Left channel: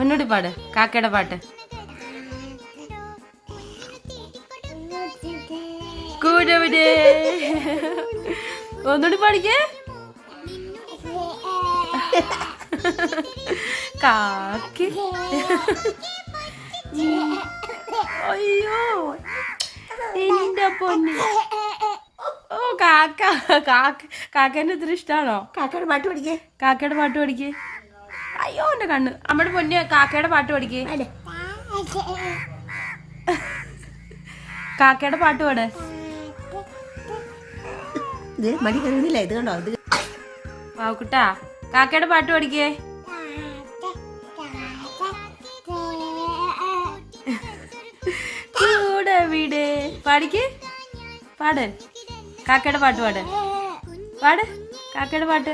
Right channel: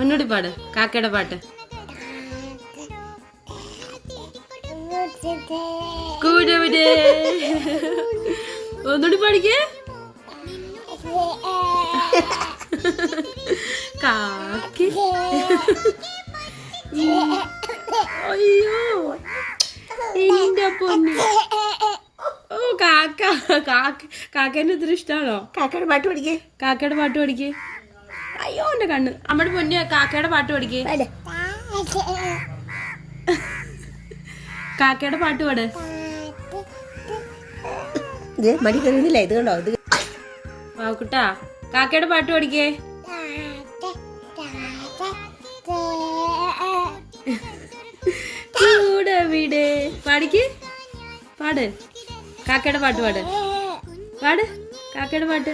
ഒന്നുകൂടി പാട് കാക്കയുടെ പാട്ട്. കൂടെവിടെ ഒന്നുകൂടി പാടിക്കേ. കാക്കി അയ്യോ എന്റെ പൊന്നു. ഓ കാക്ക കാക്കേന്റെ ഇത്ര ഇഷ്ടാണോ? കാക്കയുടെ പാട്ട് പഠിക്കേ. കാക്കയുടെ പാട്ട് പഠിക്കേ. അയ്യോ എന്റെ കണ്ണ്. നമ്മുടെ പൊന്ന് കാക്കയുടെ പാട്ട് പഠിക്കേ. കാക്കയുടെ പാട്ട് പാട്. മടി കരുന്നില്ല. ഇത് കണ്ടോ? ഇത് കുട്ടാ കാക്കയുടെ പാട്ട് പഠിക്കേ. കൂടെ വീട് പാടിക്കേ. പാട് കാക്കയുടെ പാട്ട് പാട്. പാട് കാക്കയുടെ പാട്ട്.